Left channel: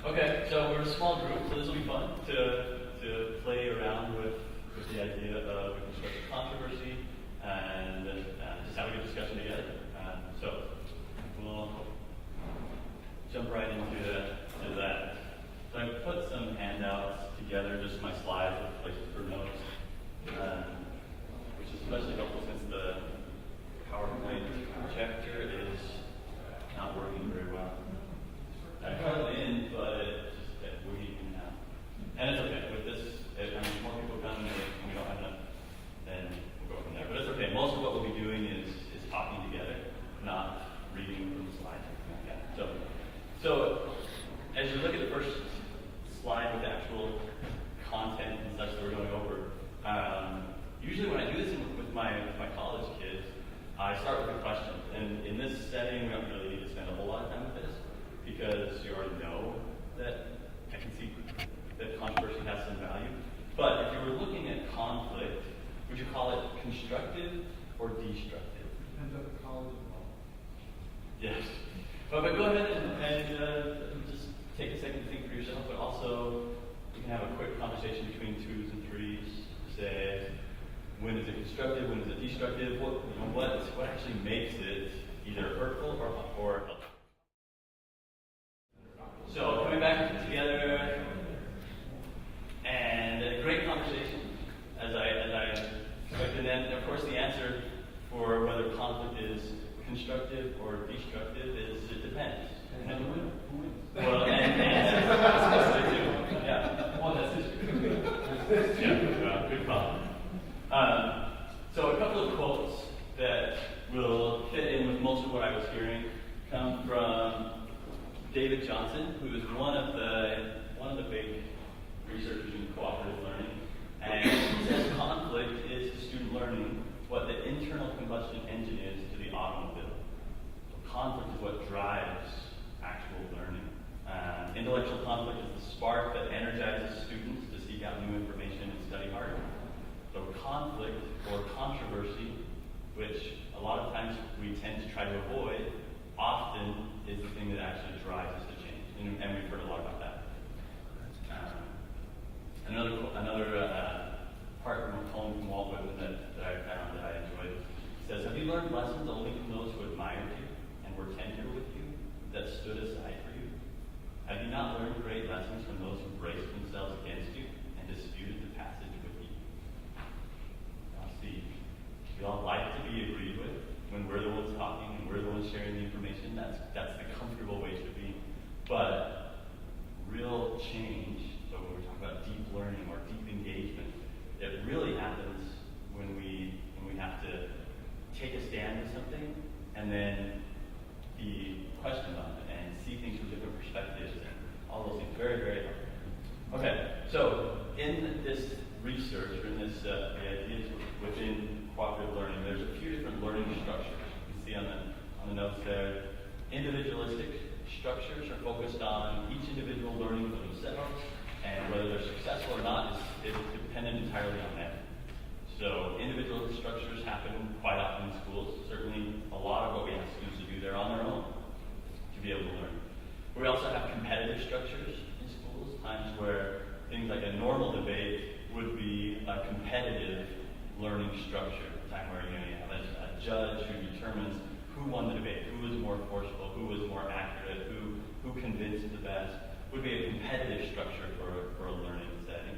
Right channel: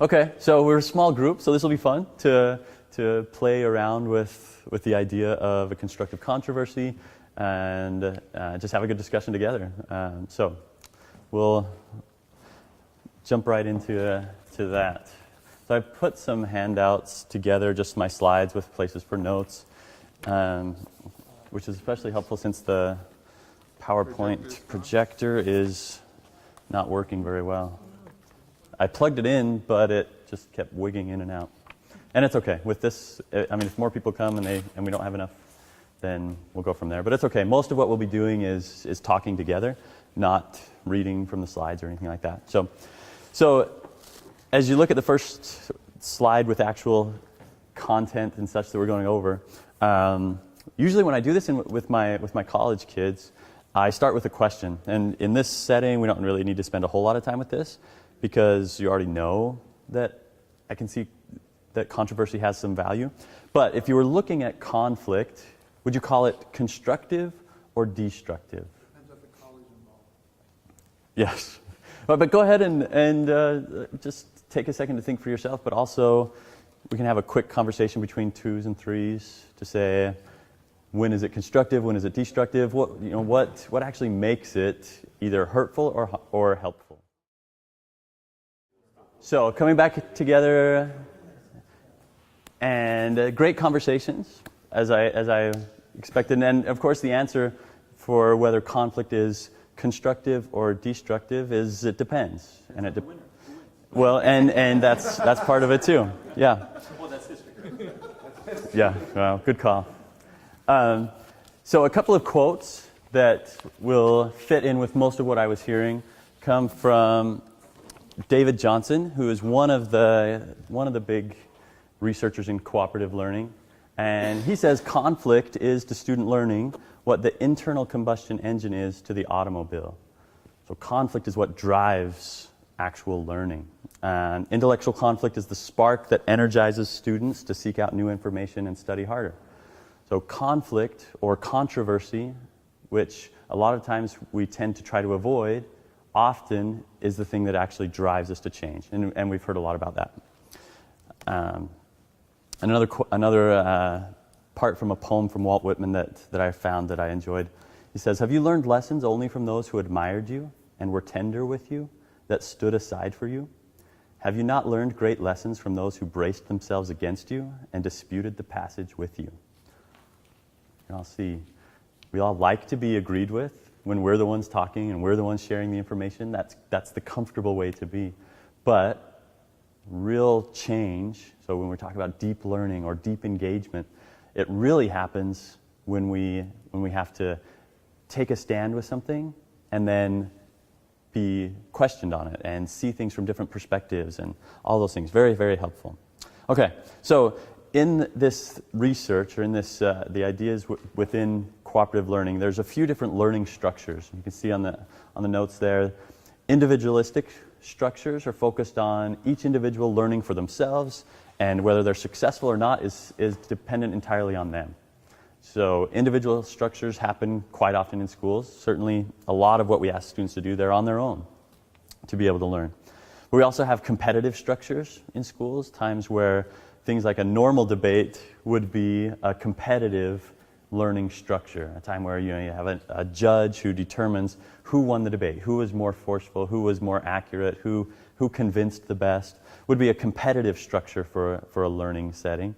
Okay, so we're a small group, so this will be fun to play around with the idea of a constructive controversy and just have a good discussion together. So we'll jump right into that. So I put some handouts together, just my slides with places for notes, which is especially helpful since the PowerPoint projector is not working very well. I plugged it in, but it just kept wigging in and out. And it's okay. With this, if more people come and we don't have enough, then we'll go from there. But it's okay. Most of what we'll be doing is talking together, not reading from the slides or anything like that. So as you look at the first slide with actual content and such that we're going over, usually when I do this with my college kids, I start with a question. And in this setting, we don't really need to spend a whole lot of time with this because you already know that I can see that controversy has some value. But if you were looking at conflict, would you call it constructive or destructive? Yes. But go ahead and just take a second to think for yourself, but also we can have a quick conversation between twos and threes to say, when is it constructive, when is it destructive, what actually makes it either hurtful or helpful. So coming back together, and great conversations, as I expected. And of course the answer for whether conflict is constructive or destructive is it depends. And and that's part of it too. Yeah. Yeah, well, good call. So a couple of quotes that will fit in with most of what I was hearing come from David Johnson, who is one of the big researchers in cooperative learning. And he says conflict is to student learning what the internal combustion engine is to the automobile. So conflict is what drives actual learning. Intellectual conflict is the spark that energizes students to seek out new information and study harder. So conflict or controversy, which a lot of times we tend to try to avoid, often is the thing that actually drives us to change. And we've heard a lot about that. Another part from a poem from Walt Whitman that I found that I enjoyed. He says, "Have you learned lessons only from those who admired you and were tender with you, that stood aside for you? Have you not learned great lessons from those who braced themselves against you and disputed the passage with you?" I'll see. We all like to be agreed with when we're the ones talking and we're the ones sharing the information. That's the comfortable way to be. But real change, so when we're talking about deep learning or deep engagement, it really happens when we have to take a stand with something and then be questioned on it and see things from different perspectives and all those things. Very, very helpful. Okay, so in this research, or in this the ideas within cooperative learning, there's a few different learning structures. You can see on the notes there, individualistic structures are focused on each individual learning for themselves, and whether they're successful or not is dependent entirely on them. So individual structures happen quite often in schools. Certainly a lot of what we ask students to do, they're on their own to be able to learn. We also have competitive structures in schools, times where things like a normal debate would be a competitive learning structure, a time where you have a judge who determines who won the debate, who was more forceful, who was more accurate, who convinced the best, would be a competitive structure for a learning setting.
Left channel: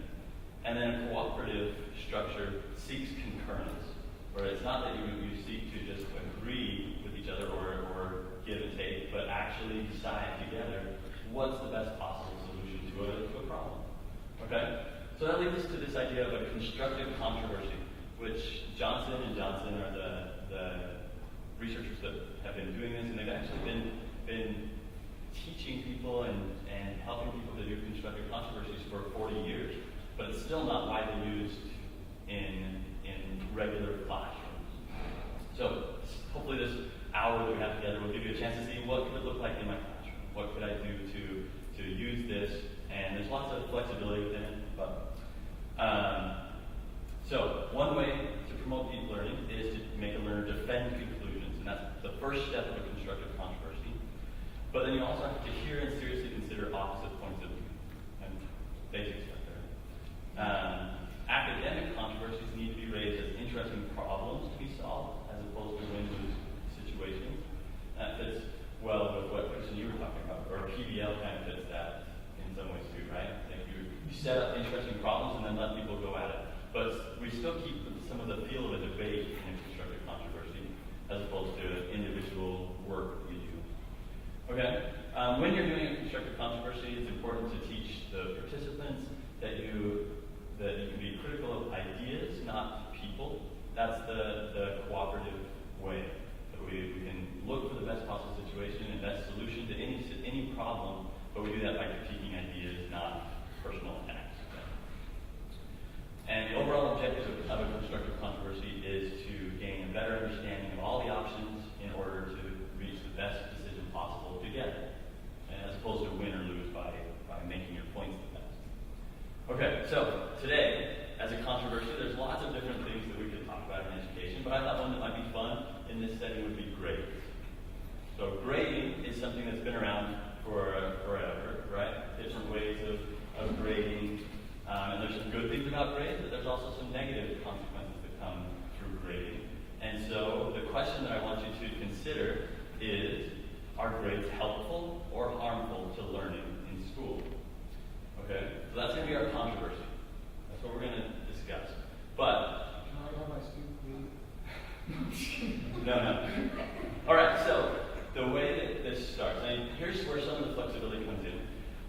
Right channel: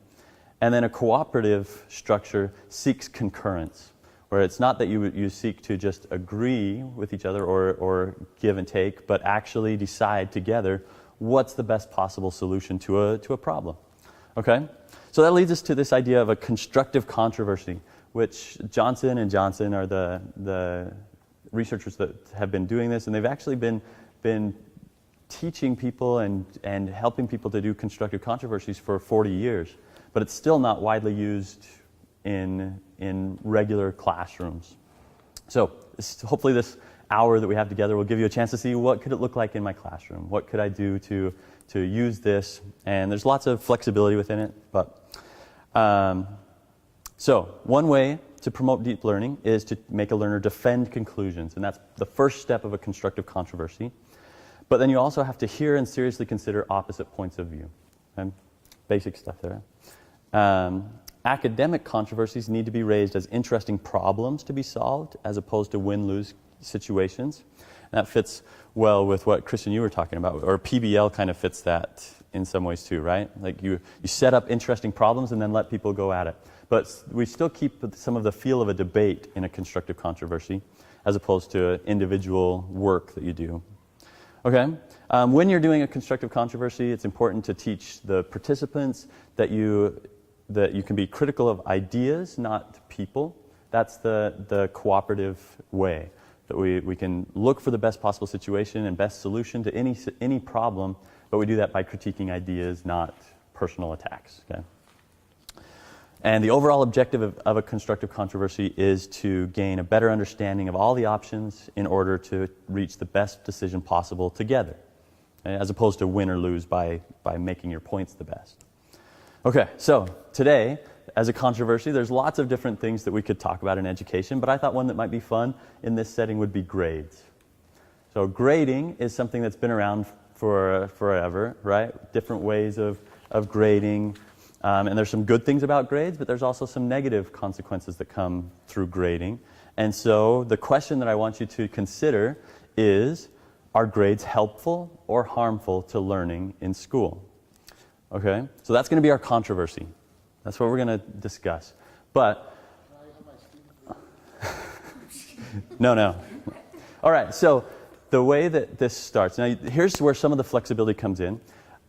And then a cooperative structure seeks concurrence, where it's not that you seek to just agree with each other or give and take, but actually decide together what's the best possible solution to a problem. Okay? So that leads us to this idea of a constructive controversy, which Johnson and Johnson are the researchers that have been doing this, and they've actually been teaching people and helping people to do constructive controversies for 40 years. But it's still not widely used in regular classrooms. So hopefully this hour that we have together will give you a chance to see what could it look like in my classroom. What could I do to use this? And there's lots of flexibility within it. But so one way to promote deep learning is to make a learner defend conclusions. And that's the first step of a constructive controversy. But then you also have to hear and seriously consider opposite points of view. And basic stuff there. Academic controversies need to be raised as interesting problems to be solved as opposed to win-lose situations. And that fits well with what, Christian, you were talking about, or PBL kind of fits that in some ways too, right? Like you set up interesting problems and then let people go at it. But we still keep some of the feel of a debate in a constructive controversy as opposed to individual work that you do. Okay? When you're doing a constructive controversy, it's important to teach the participants that you can be critical of ideas, not people. That's the cooperative way, that we can look for the best possible situation and best solution to any problem, but we do that by critiquing ideas, not personal attacks. Okay? And the overall objective of a constructive controversy is to gain a better understanding of all the options in order to reach the best decision possible together, okay? As opposed to win or lose by making your points the best. Okay, so today, as a controversy, there's lots of different things that we could talk about in education, but I thought one that might be fun in this setting would be grades. So grading is something that's been around for forever, right? Different ways of grading. And there's some good things about grades, but there's also some negative consequences that come through grading. And so the question that I want you to consider is, are grades helpful or harmful to learning in school? Okay, so that's going to be our controversy. That's what we're going to discuss. But, no. All right, so the way that this starts, now here's where some of the flexibility comes in.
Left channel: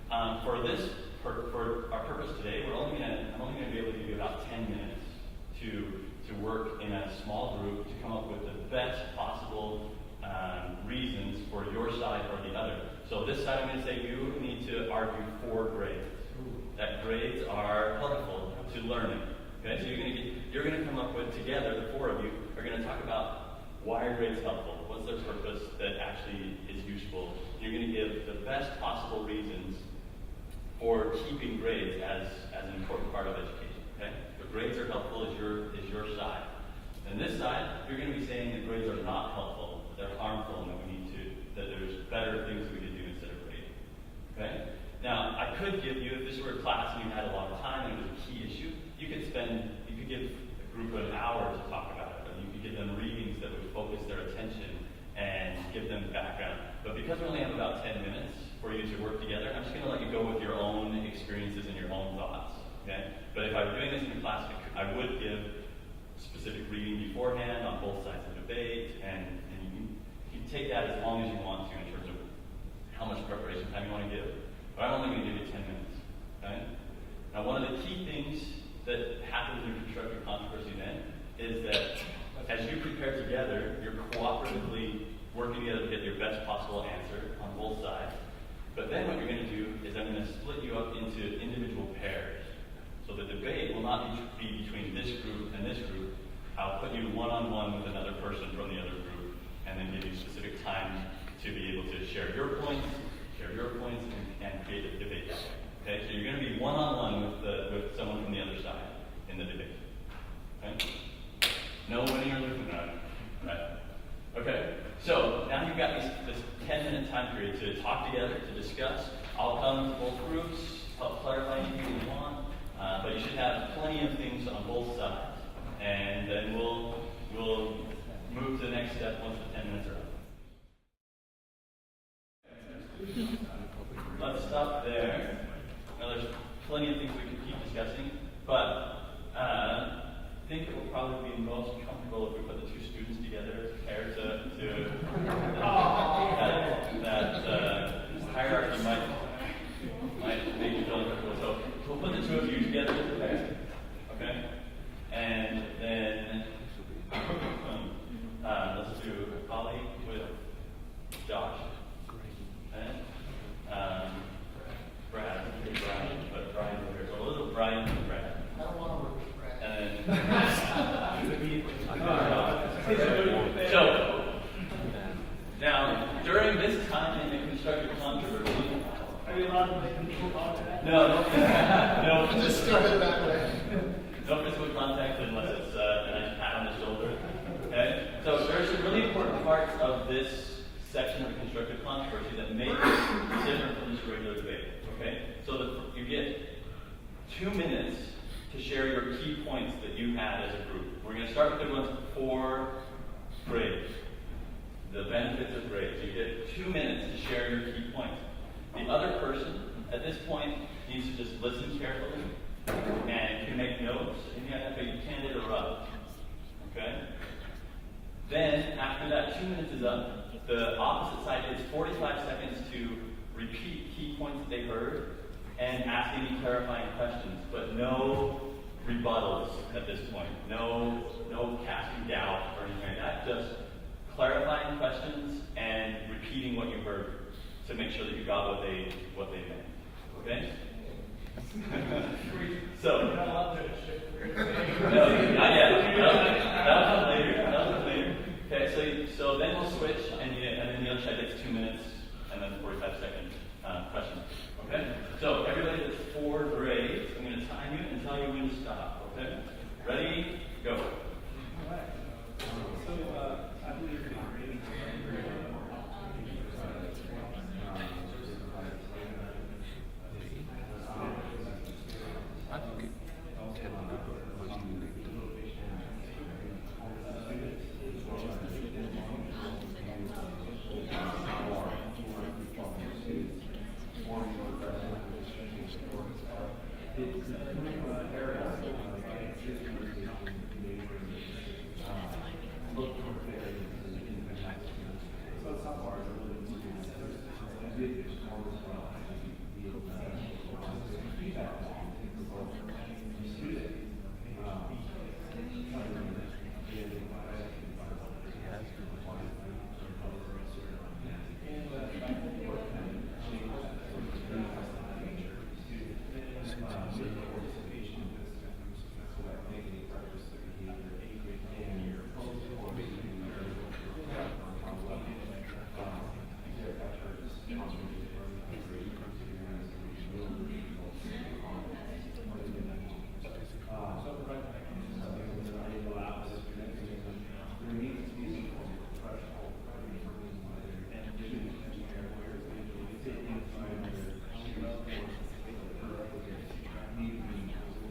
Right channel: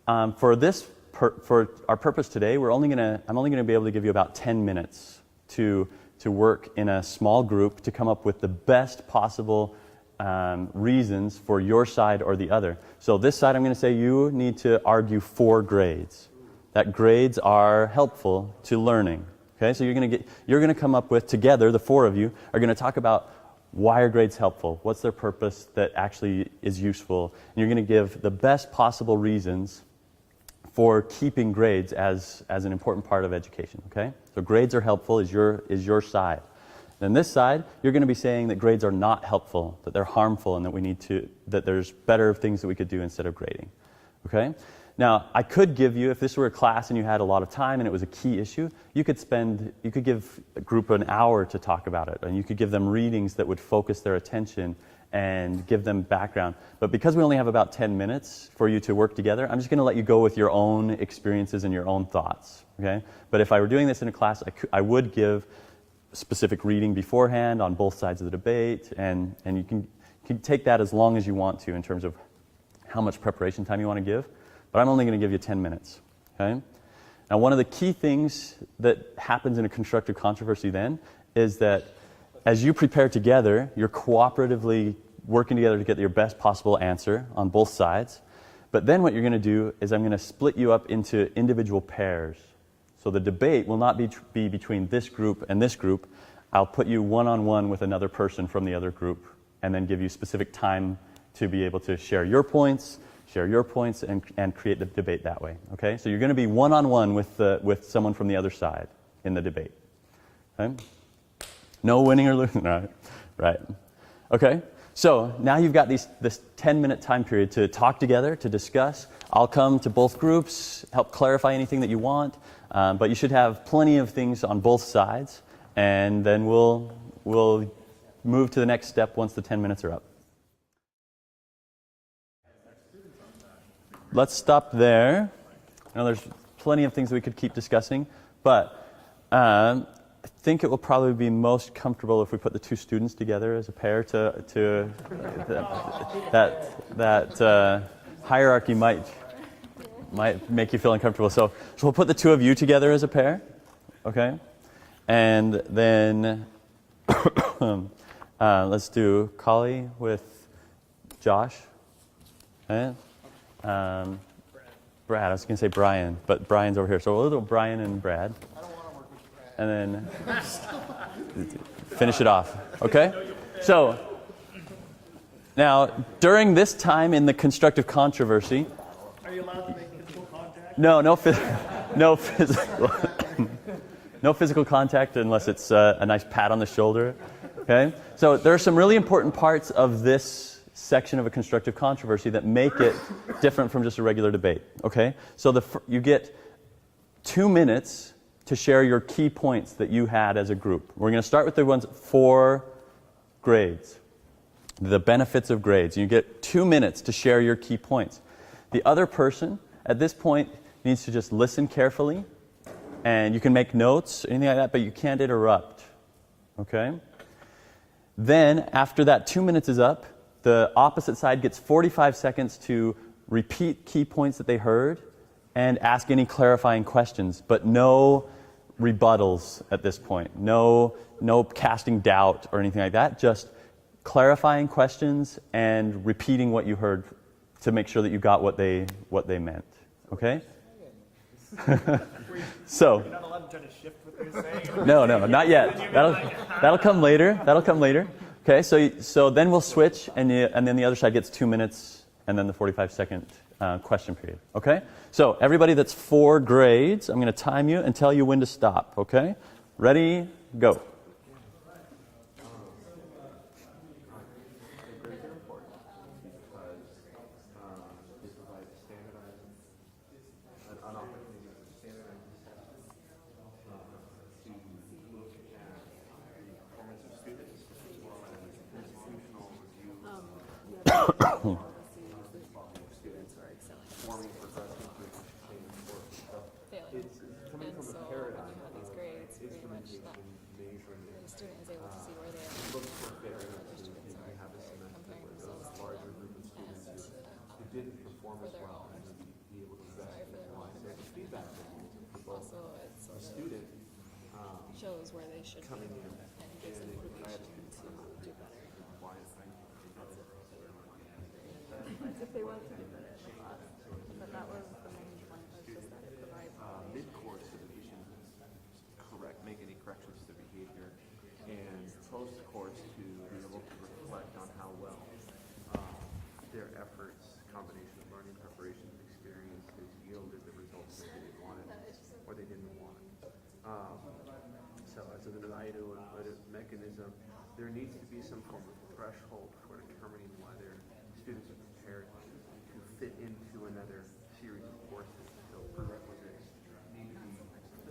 For our purpose today, I'm only going to be able to give you about 10 minutes to work in a small group to come up with the best possible reasons for your side or the other. So this side, I'm going to say you need to argue for grades. That grades are helpful to learning. Okay, so you're going to come up with, together, the four of you are going to talk about why are grades helpful, what's their purpose that actually is useful, and you're going to give the best possible reasons for keeping grades as an important part of education. Okay, so grades are helpful is your side. Then this side, you're going to be saying that grades are not helpful, that they're harmful, and that there's better things that we could do instead of grading. Okay? Now, I could give you, if this were a class and you had a lot of time and it was a key issue, you could give a group an hour to talk about it, and you could give them readings that would focus their attention and give them background. But because we only have about 10 minutes for you to work together, I'm just going to let you go with your own experiences and your own thoughts. Okay? But if I were doing this in a class, I would give specific reading beforehand on both sides of the debate, and you can take that as long as you want to in terms of how much preparation time you want to give, but I'm only going to give you 10 minutes. Okay? Now, one of the key things that happens in a constructive controversy then is that as you prepare together, you're cooperatively working together to get your best possible answer on both sides, but then what you're going to do is I'm going to split you up into individual pairs. So the debate will not be between this group and this group. I'll put you one-on-one with another person from the other group and then give you specific time to be able to share your points, and create the debate that way. Okay? So you're going to be one-on-one with someone from the other side in the debate. Okay? No winning or losing. Right. Okay? So now you've got this 10-minute time period to talk together, to discuss. I'll come to both groups, help clarify anything that you want. But you should have plenty of things on both sides, and then we'll move to the next step once the 10 minutes are up. Let's stop there. Now there's plenty of things we could keep discussing, but I think it will probably be most comfortable if we put the two students together as a pair that hierarchy might make you feel uncomfortable. So we'll put the two of you together as a pair, okay? And then let's do Kali with Josh. Okay? Brad, I was going to say Brian, but Brian's over here. So we'll do Brian and Brad. And then finish it off, okay? So now, during this time in the constructive controversy, no physical contact unless it's a nice pat on the shoulder. Okay? So there are some really important parts of this section of a constructive controversy that make it different from just a regular debate. Okay? So you get 2 minutes to share your key points that you had as a group. We're going to start with the ones for grades, the benefits of grades. You get 2 minutes to share your key points. The other person at this point needs to just listen carefully, and you can make notes, anything like that, but you can't interrupt. Okay? Then, after that 2 minutes is up, the opposite side gets 45 seconds to repeat key points that they heard and ask any clarifying questions, but no rebuttals at this point. No casting doubt or anything like that. Just clarifying questions and repeating what you heard to make sure that you got what they meant. Okay? So, no, not yet. That'll come later. Okay, so then we'll switch, and then the other side gets 2 minutes, and then the 45-second question period. Okay? So everybody that's for grades, I'm going to time you and tell you when to stop. Okay? Ready? Go.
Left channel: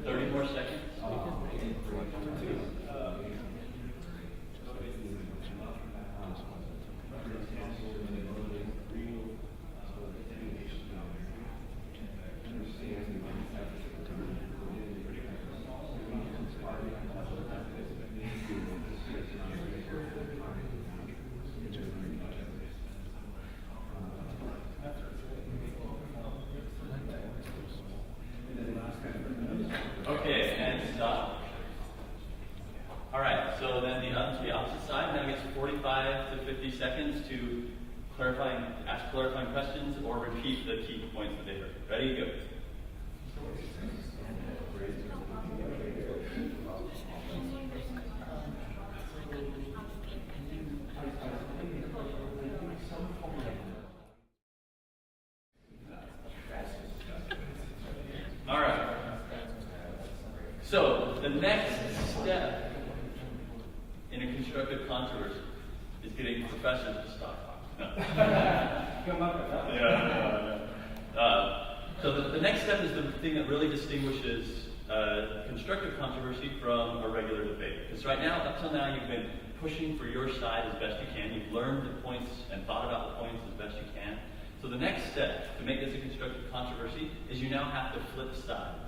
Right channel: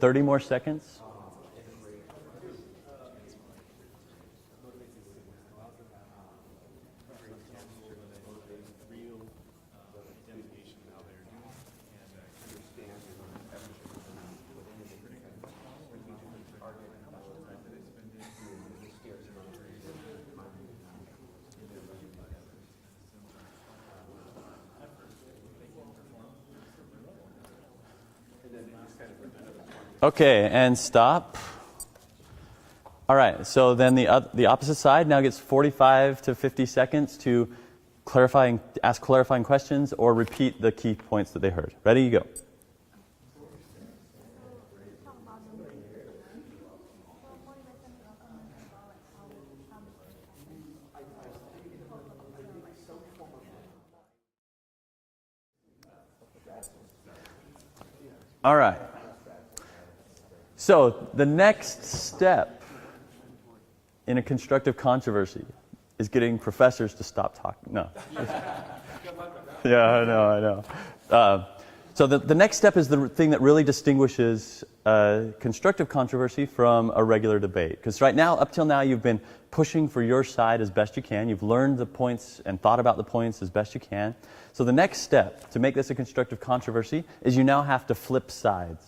$30 more seconds. Okay, and stop. All right, so then the opposite side now gets 45 to 50 seconds to ask clarifying questions or repeat the key points that they heard. Ready, go. All right. So the next step in a constructive controversy is getting professors to stop talking. No. Yeah, I know. So the next step is the thing that really distinguishes constructive controversy from a regular debate. Because up till now, you've been pushing for your side as best you can. You've learned the points and thought about the points as best you can. So the next step to make this a constructive controversy is you now have to flip sides.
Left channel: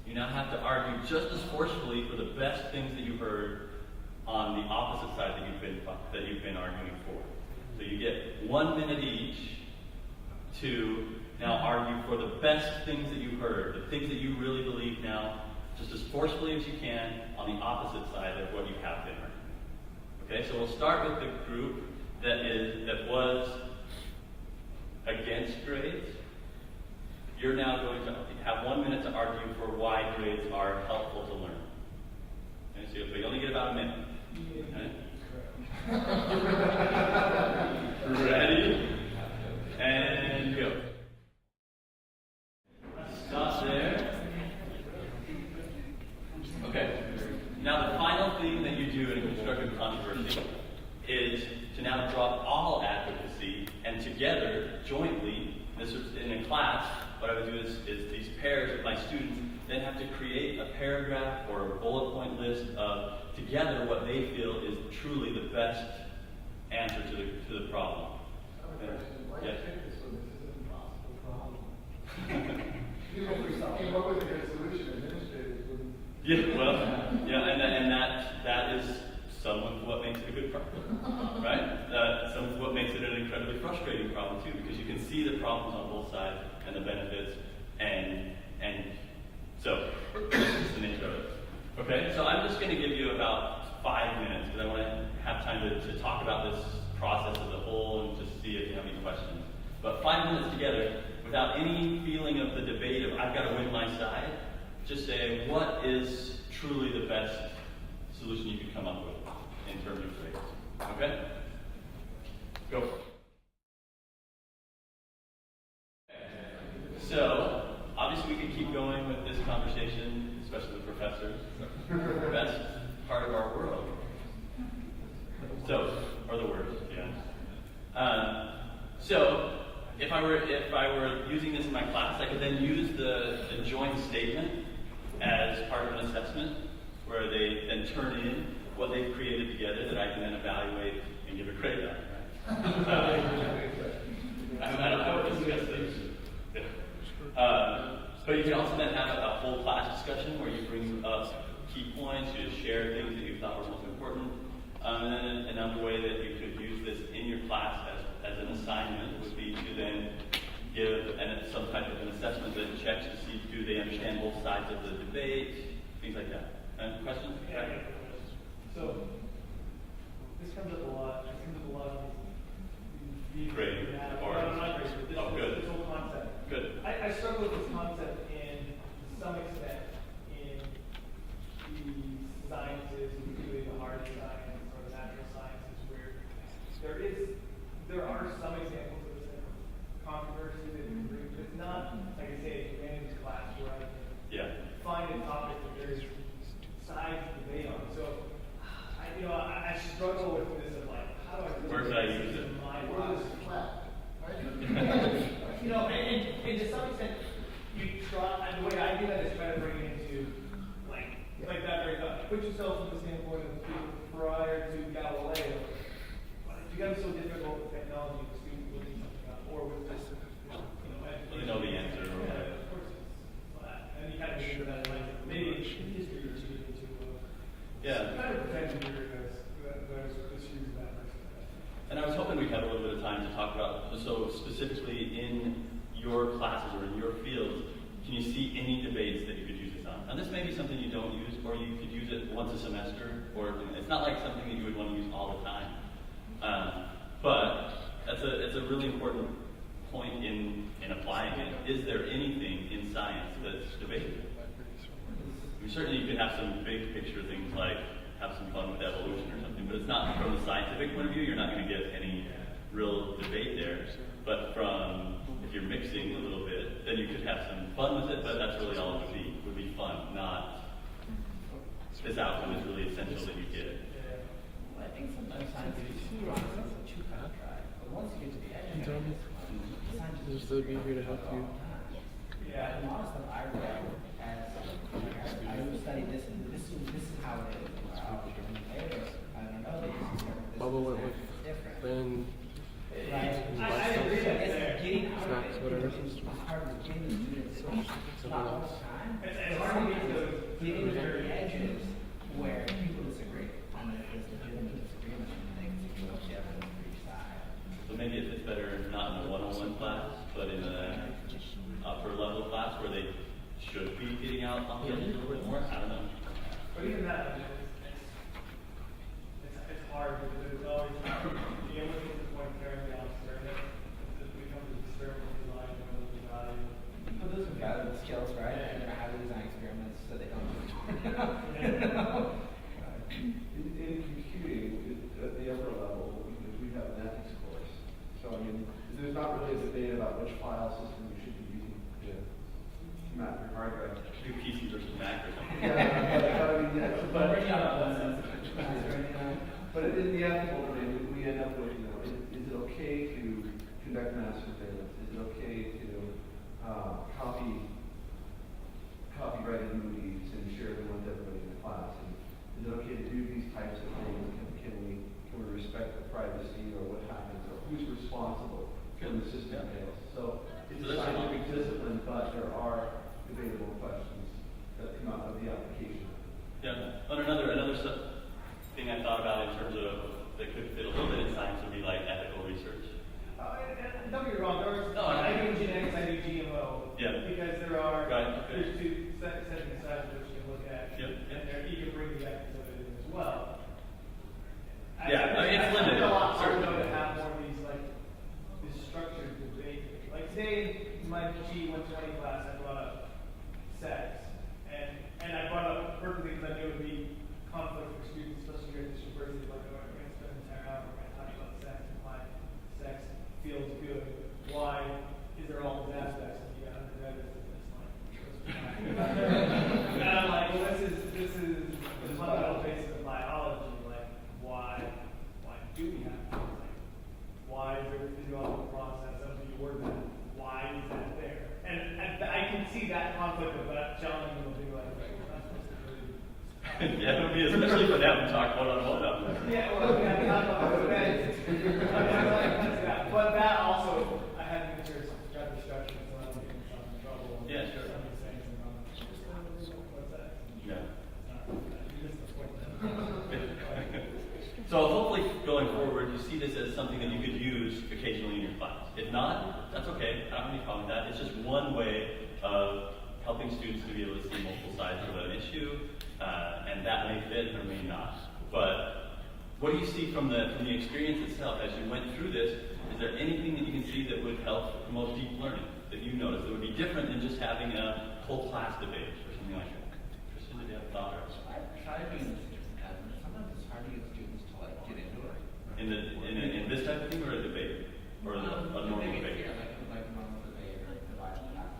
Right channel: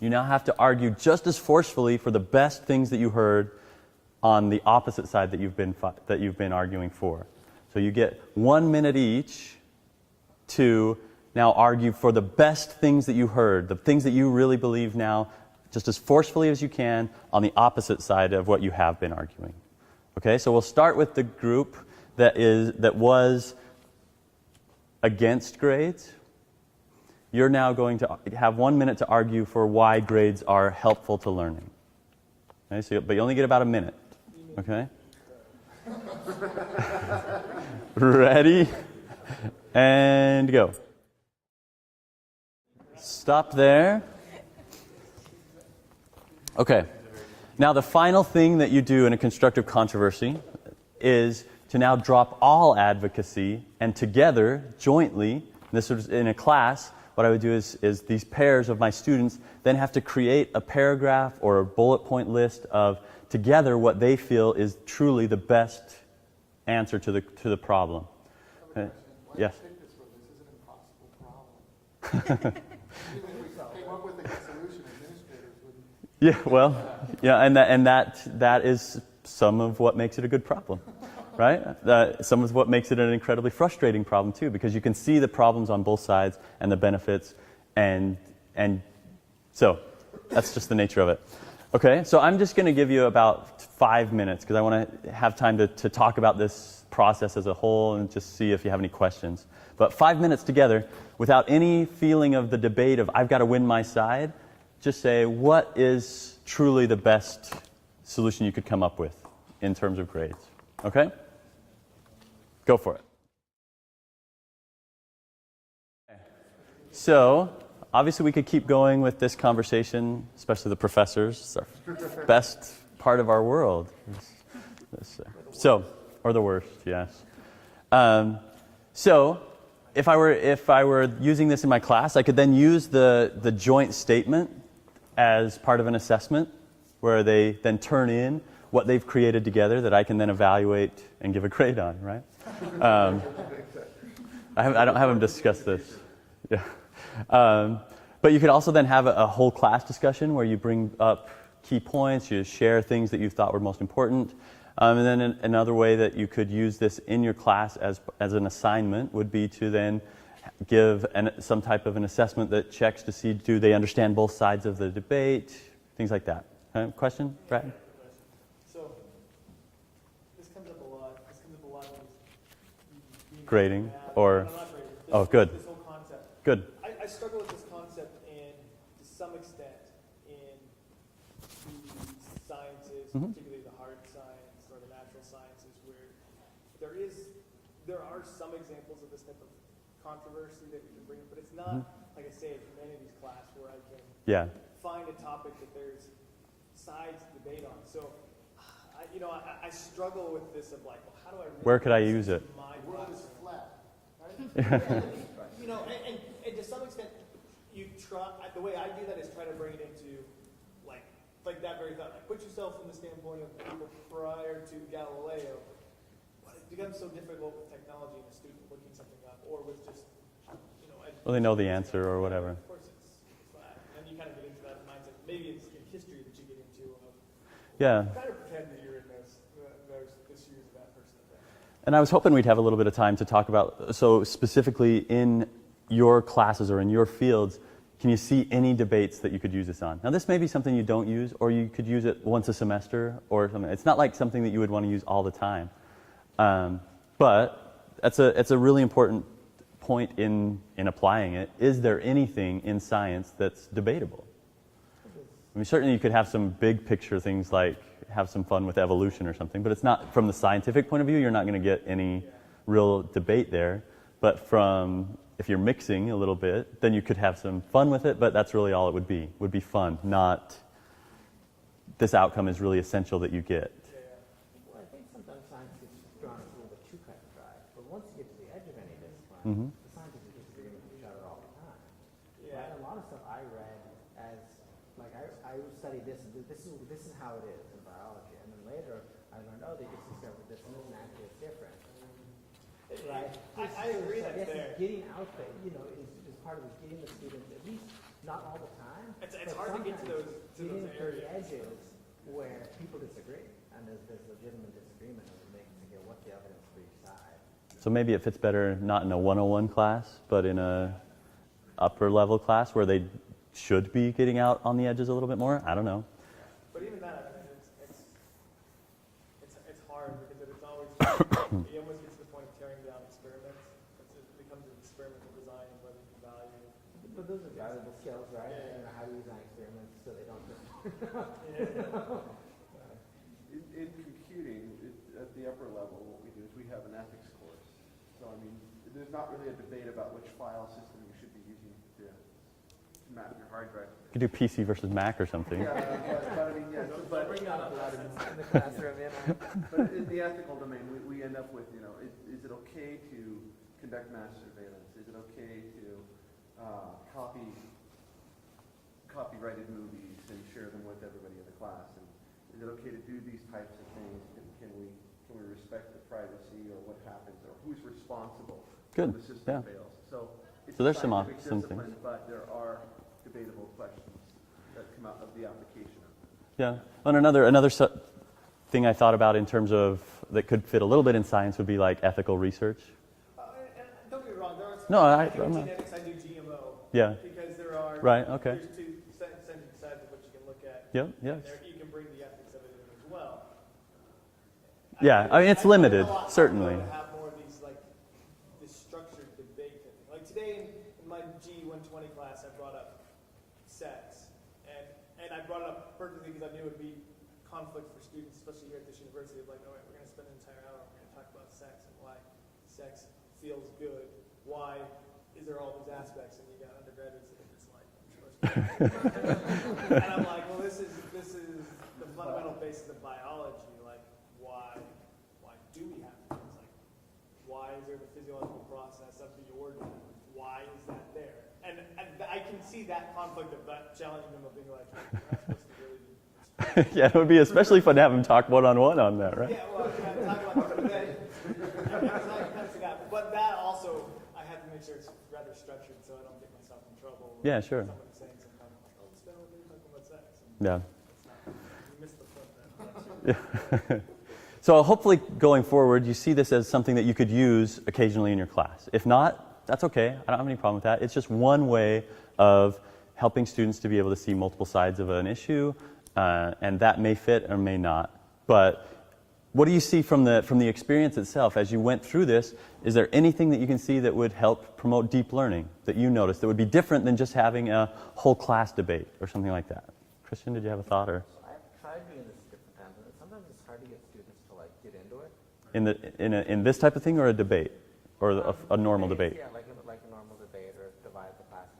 You now have to argue just as forcefully for the best things that you heard on the opposite side that you've been arguing for. So you get 1 minute each to now argue for the best things that you heard, the things that you really believe now, just as forcefully as you can on the opposite side of what you have been arguing. Okay, so we'll start with the group that was against grades. You're now going to have 1 minute to argue for why grades are helpful to learning. Okay, but you only get about a minute. Okay? Ready? And go. Stop there. Okay. Now the final thing that you do in a constructive controversy is to now drop all advocacy, and together, jointly, this is in a class, what I would do is these pairs of my students then have to create a paragraph or a bullet point list of together what they feel is truly the best answer to the problem. Yes? Yeah, well, yeah, and that is some of what makes it a good problem, right? Some of what makes it an incredibly frustrating problem too, because you can see the problems on both sides and the benefits, and so that's just the nature of it. Okay, so I'm just going to give you about 5 minutes because I want to have time to talk about this process as a whole and just see if you have any questions. But 5 minutes together, without any feeling of the debate of I've got to win my side, just say what is truly the best solution you could come up with in terms of grades. Okay? Go for it. So, obviously we could keep going with this conversation, especially the professors. It's the best part of our world. So, or the worst, yes. So, if I were using this in my class, I could then use the joint statement as part of an assessment, where they then turn in what they've created together that I can then evaluate and give a grade on, right? I haven't discussed this. Yeah. But you could also then have a whole class discussion where you bring up key points, you share things that you thought were most important. And then another way that you could use this in your class as an assignment would be to then give some type of an assessment that checks to see do they understand both sides of the debate, things like that. Question? Brad? So, this comes up a lot. Grading or... Oh, good. This whole concept. Good. I struggle with this concept to some extent in the sciences, particularly the hard science or the natural sciences, where there are some examples of this type of controversy that you can bring, but it's not, like I say, a humanities class where I can find a topic that there's sides to debate on. So, I struggle with this of like, how do I... Where could I use it? And to some extent, you try. The way I do that is try to bring it into like that very thought. Put yourself from the standpoint of people prior to Galileo. It becomes so difficult with technology and students looking something up, or with just well, they know the answer or whatever. Of course, it's flat, and you kind of get into that maybe in history you should get into. Yeah. Kind of protect your guys. And I was hoping we'd have a little bit of time to talk about, so specifically in your classes or in your fields, can you see any debates that you could use this on? Now this may be something you don't use, or you could use it once a semester or something. It's not like something that you would want to use all the time. But it's a really important point in applying it. Is there anything in science that's debatable? I mean, certainly you could have some big picture things like have some fun with evolution or something, but it's not from the scientific point of view, you're not going to get any real debate there. But if you're mixing a little bit, then you could have some fun with it, but that's really all it would be fun, not this outcome is really essential that you get. I think sometimes science is too kind of try, but once you get to the edge of it, Just to be here to help you. yeah, a lot of stuff I read as I study this is how it is. I don't know, this is different. Then I agree that there. Getting out of snacks, it, whatever. it's hard to get into it. It's not all the time. It's hard to get to those Getting to the edges where people disagree. And if there's legitimate disagreement, then you can look at it for each side. So maybe it fits better not in a 101 class, but in a upper level class where they should be getting out on the edges a little bit more. I don't know. But even that, it's hard because it's always you almost get to the point of tearing down experiments. It becomes an experimental design rather than value. But those are valuable skills, right? And how to design experiments so they don't. In computing, at the upper level, we have an ethics course. So, I mean, there's not really a debate about which file system you should be using. Mac or hard drive. You could do PC versus Mac or something. But in the ethical domain, we end up with copyrighted movies and share them with everybody in the class? And is it okay to do these types of things? Can we respect the privacy or what happens? Or who's responsible? Good. When the system Yeah. fails? So there's some scientific options. discipline, but there are debatable questions that come out of the application. Yeah. And another thing I thought about in terms of that could fit a little bit in science would be like ethical research. And don't get me wrong, there are No, I do genetics, I do GMO. Yeah. Because there are Right, okay. there's two scientific sides which you can look at. Yeah, yeah. And there you can bring the ethics of it in as well. Yeah, I mean, it's limited, certainly. To have more of these like this structured debate. Like today in my G120 class, I brought up sex, and I brought up purposely because I knew it would be conflict for students, especially here at this university. Like, oh, we're going to spend an entire hour talking about sex and why sex feels good. Why is there all these aspects and you got undergraduates and it's like and I'm like, well, this is the fundamental basis of biology. Like, why do we have things like why is there a physiological process of the organ? Why is that there? And I can see that conflict of that challenging them being like, that's what's really Yeah, it would be especially fun having talk one-on-one on that, right? yeah, well, yeah, not about that. But that also, I have to make sure it's rather structured so I don't get myself in trouble. Yeah, sure. Yeah. Yeah. So hopefully going forward, you see this as something that you could use occasionally in your class. If not, that's okay. I don't have any problem with that. It's just one way of helping students to be able to see multiple sides of an issue, and that may fit or may not. But what do you see from the experience itself as you went through this? Is there anything that you can see that would help promote deep learning that you noticed that would be different than just having a whole class debate or something like that? Christian, did you have a thought? Or I've tried being sometimes it's hard to get students to like get into it. in this type of thing, or a debate, or a normal debate? Yeah, like a normal debate or divide the class.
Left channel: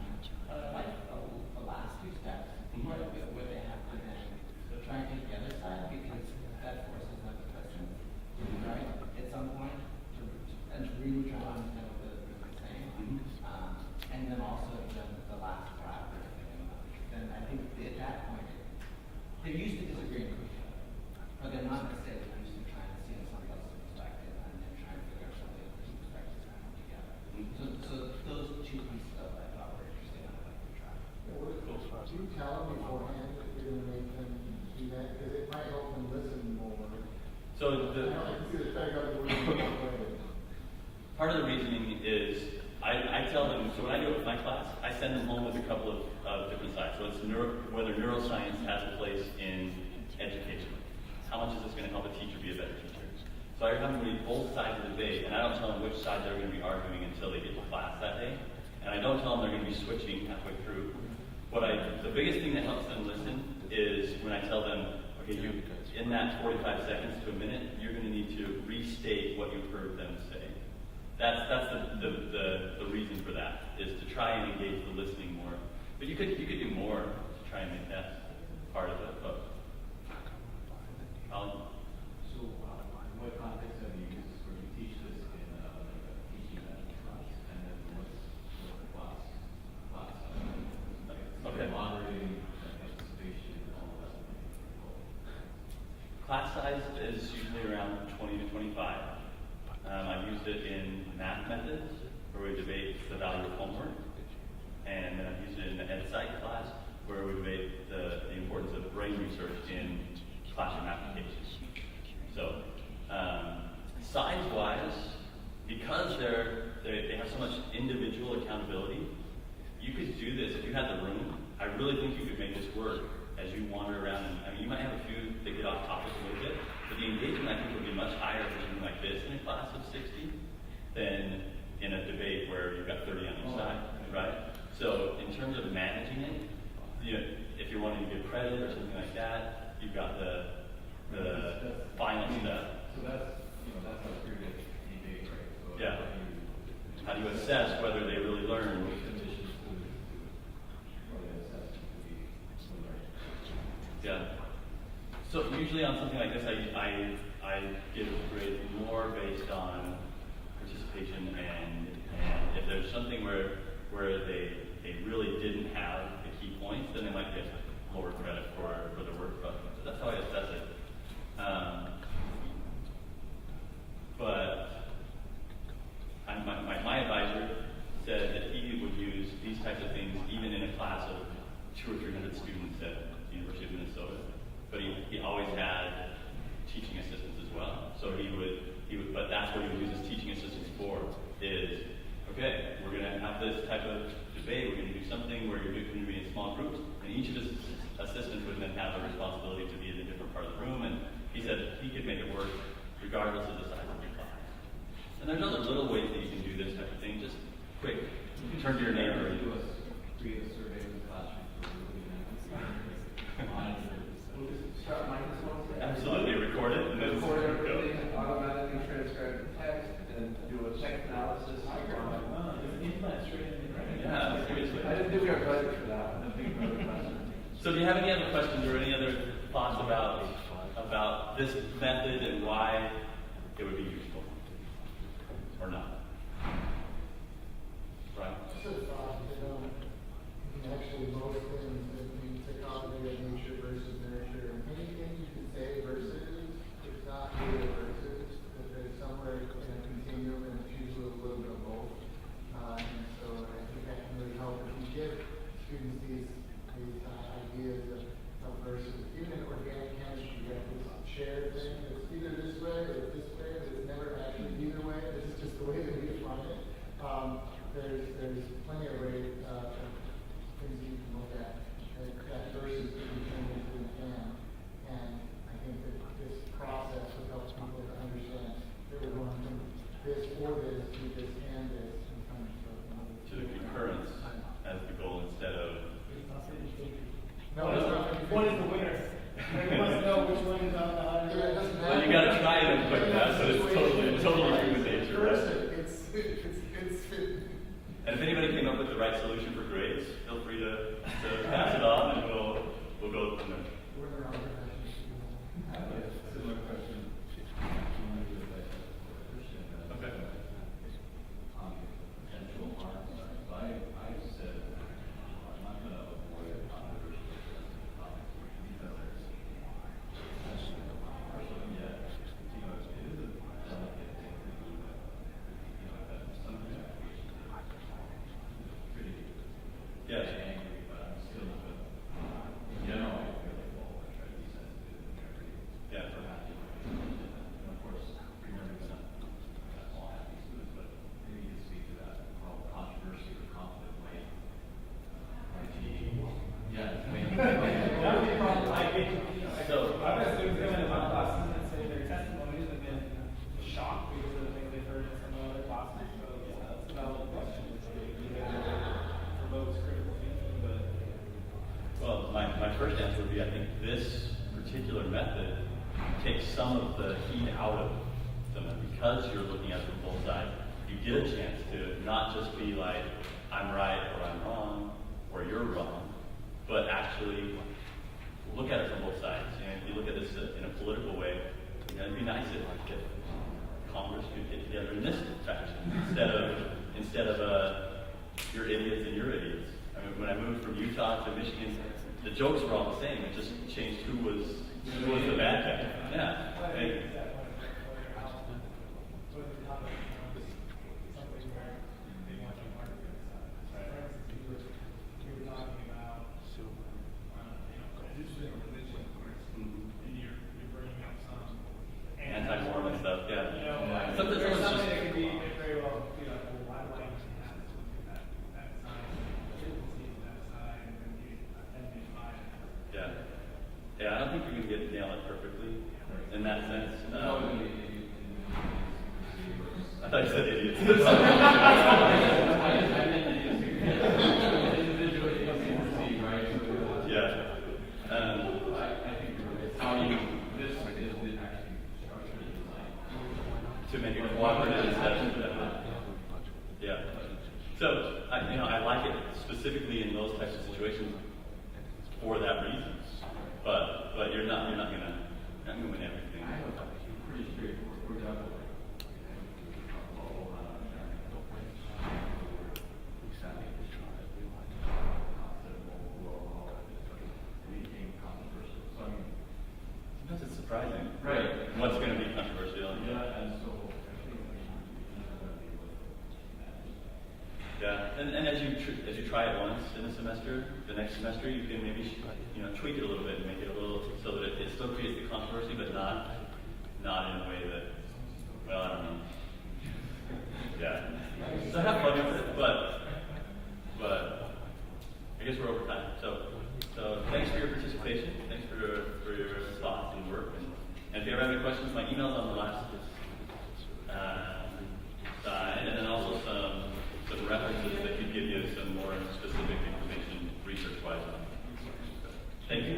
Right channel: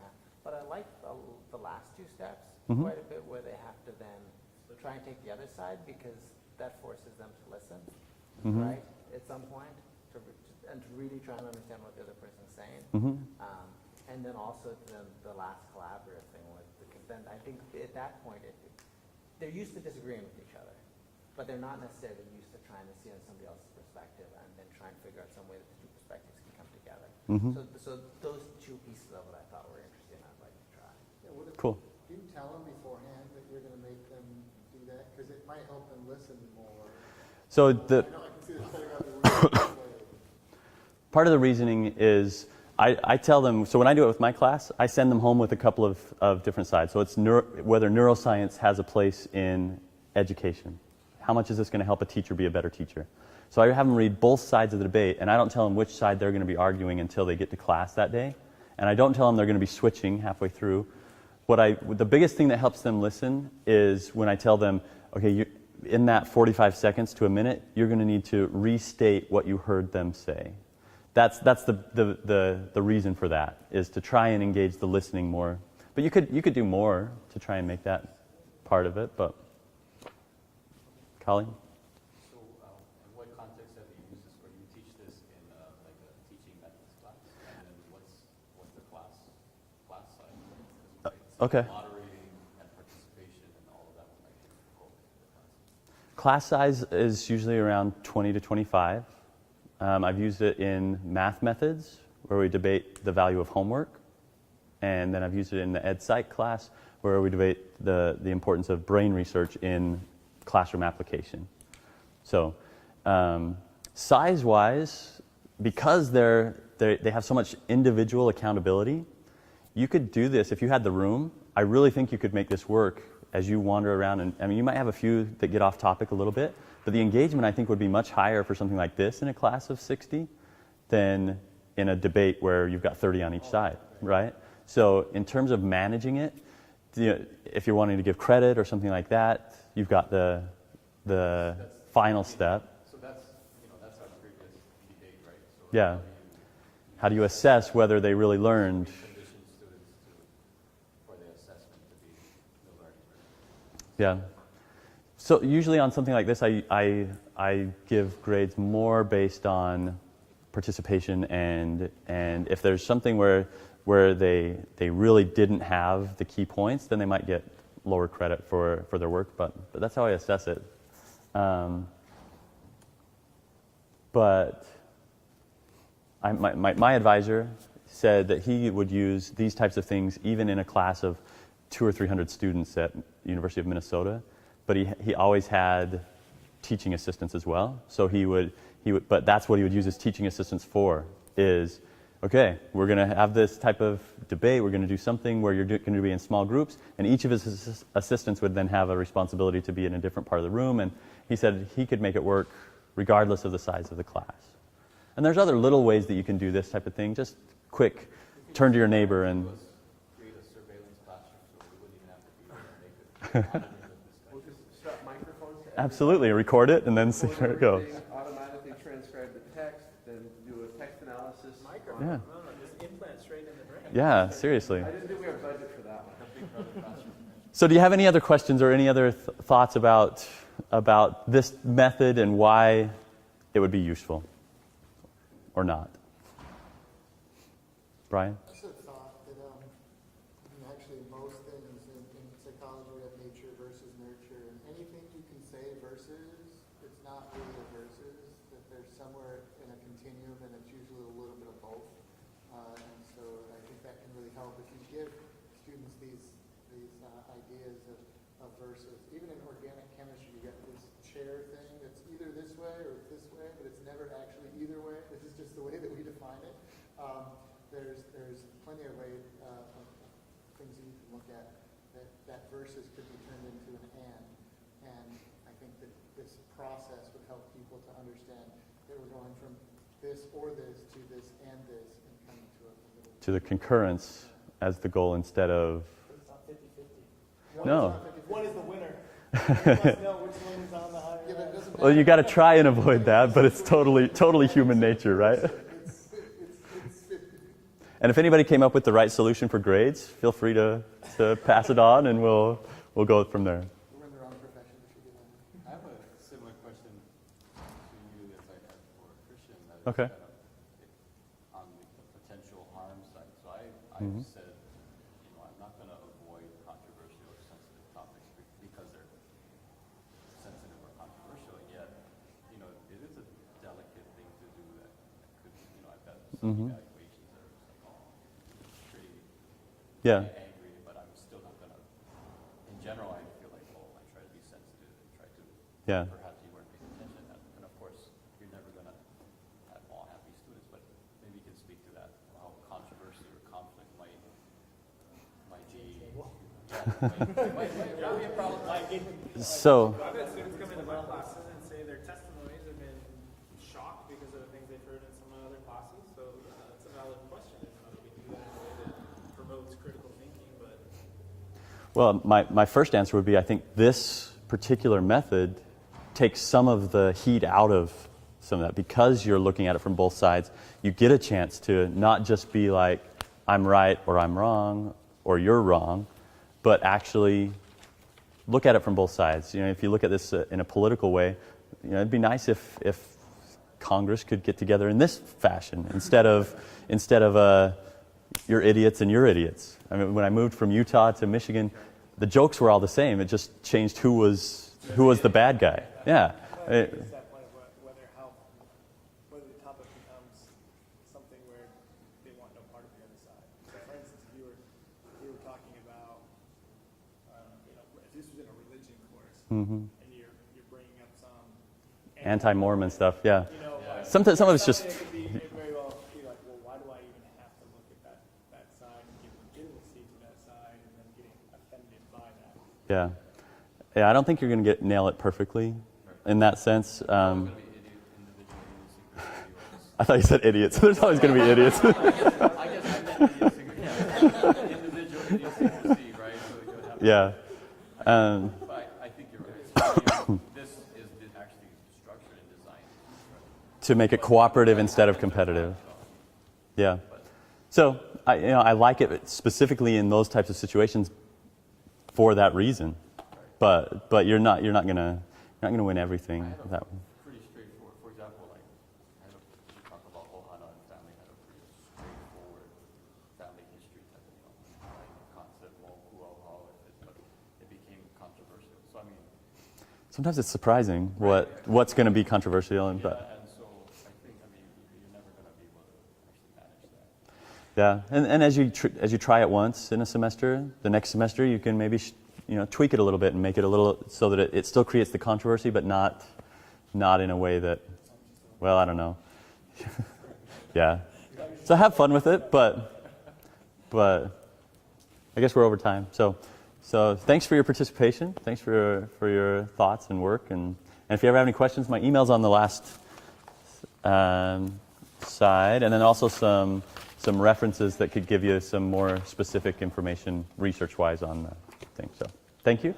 But I like the last two steps Mhm. quite a bit where they have to then try and take the other side because that forces them to listen, Mhm. right? At some point, and to really try to understand what the other person is saying. Mhm. And then also the last collaborative thing. Then I think at that point, they're used to disagreeing with each other, but they're not necessarily used to trying to see somebody else's perspective and then trying to figure out the way the perspectives come together. Mhm. So those two pieces of it I thought were interesting. I'd like to try. Cool. Do you tell them beforehand that you're going to make them do that? Because it might help them listen more. So I know I can see the setting up the way. part of the reasoning is I tell them, so when I do it with my class, I send them home with a couple of different sides. So it's whether neuroscience has a place in education. How much is this going to help a teacher be a better teacher? So I have them read both sides of the debate, and I don't tell them which side they're going to be arguing until they get to class that day. And I don't tell them they're going to be switching halfway through. The biggest thing that helps them listen is when I tell them, okay, in that 45 seconds to a minute, you're going to need to restate what you heard them say. That's the reason for that, is to try and engage the listening more. But you could do more to try and make that part of it. But Colin? So, what context have you used for you teach this in teaching management class, and then what's class? Okay. Moderating, anticipation, all that. Class size is usually around 20 to 25. I've used it in math methods, where we debate the value of homework. And then I've used it in the Ed Psych class, where we debate the importance of brain research in classroom applications. So size-wise, because they have so much individual accountability, you could do this if you had the room. I really think you could make this work as you wander around. And I mean, you might have a few that get off topic a little bit, but the engagement, I think, would be much higher for something like this in a class of 60 than in a debate where you've got 30 on each side, right? So in terms of managing it, if you're wanting to give credit or something like that, you've got the final step. So that's our previous debate, right? So Yeah. How do you assess whether they really learned? Yeah. So usually on something like this, I give grades more based on participation and if there's something where where they really didn't have the key points, then they might get lower credit for their work, but that's how I assess it. But my advisor said that he would use these types of things even in a class of 200 or 300 students at University of Minnesota, but he always had teaching assistants as well. So he would, but that's what he would use his teaching assistants for, is, okay, we're going to have this type of debate, we're going to do something where you're going to be in small groups, and each of his assistants would then have a responsibility to be in a different part of the room, and he said he could make it work regardless of the size of the class. And there's other little ways that you can do this type of thing, just quick, turn to your neighbor and... Absolutely, record it and then see where it goes. Automatically transcribe the text, then do a text analysis. Yeah, seriously. I didn't think we were budget for that one. So do you have any other questions or any other thoughts about this method and why it would be useful or not? Brian? Actually, most things that mean psychology of nature versus nurture, anything you can say versus, it's not really a versus. There's somewhere in a continuum, and it's usually a little bit of both. And so I think that can really help if we give students these ideas of versus. Even in organic chemistry, you have this shared thing. It's either this way or it's this way, but it's never actually either way. This is just the way that we define it. There's plenty of ways, things you can look at that versus could be turned into an and I think that this process would help people to understand that we're going from this or this to this and this and kind of To the concurrence as the goal instead of... No. One is the winner. You must know which one is on the higher. Well, you got to try and avoid that, but it's totally human nature, right? And if anybody came up with the right solution for grades, feel free to pass it on, and we'll go from there. Okay. Mm-hmm. Mm-hmm. Yeah. Yeah. So. Well, my first answer would be I think this particular method takes some of the heat out of some of that. Because you're looking at it from both sides, you get a chance to not just be like, I'm right or I'm wrong or you're wrong, but actually look at it from both sides. You know, if you look at this in a political way, you know, it'd be nice if Congress could get together in this fashion instead of you're idiots and you're idiots. I mean, when I moved from Utah to Michigan, the jokes were all the same. It just changed who was the bad guy. Yeah. Mm-hmm. Anti-Mormon stuff. Yeah. Some of it's just. Yeah. Yeah, I don't think you're going to nail it perfectly in that sense. I thought you said idiots. There's always going to be idiots. Yeah. To make it cooperative instead of competitive. Yeah. So I like it specifically in those types of situations for that reason, but you're not gonna win everything that way. sometimes it's surprising what's going to be controversial. Yeah, and as you try it once in a semester, the next semester you can maybe tweak it a little bit and make it a little so that it still creates the controversy, but not in a way that, well, I don't know. Yeah, so have fun with it, but I guess we're over time. So thanks for your participation. Thanks for your thoughts and work. And if you ever have any questions, my email's on the last side, and then also some references that could give you some more specific information research-wise on the thing. So thank you.